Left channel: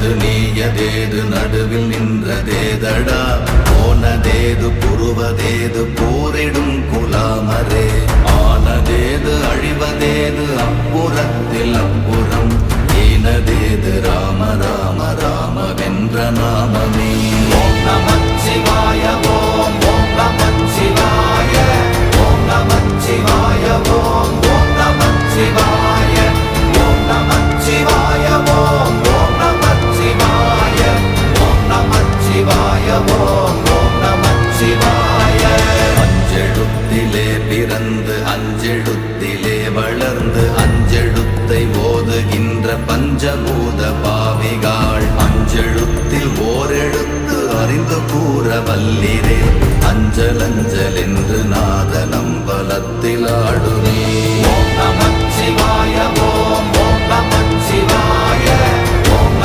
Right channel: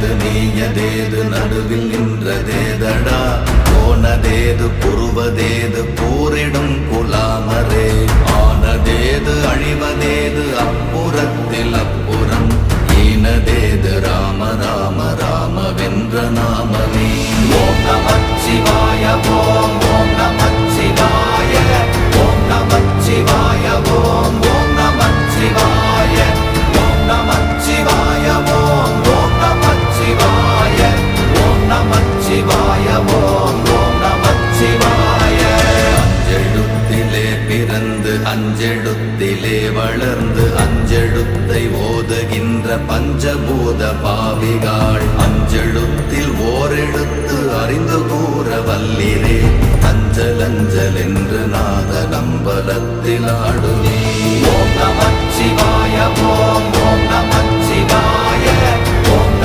ஆயது நீயதேது நடுவில் நின்றதேதடா போனதேது புருவதேது போரிடும் குலாமரே ஆனதேது அழிவதேது அப்புறத்தில் அப்புறம் ஈனதேது ராம ராம ராம வென்ற நாமமே ஓம் நமச்சிவாய ஓம் ஓம் நமச்சிவாய ஓம் நமச்சிவாய ஓம் ஓம் நமச்சிவாய ஓம் நமச்சிவாய ஓம் ஓம் நமச்சிவாய ஓம் நமச்சிவாய ஓம் ஓம் நமச்சிவாய அஞ்செழுத்திலே பிறந்து அஞ்செழுத்திலே வளர்ந்து அஞ்செழுத்தை ஓதுகின்ற பஞ்சபூத பாவிகாள் அஞ்செழுத்தில் ஓரெழுத்து அறிந்து கூற வல்லிரே அஞ்சல் அஞ்சல் என்று நாத நம்பலத்தில் ஆடுவே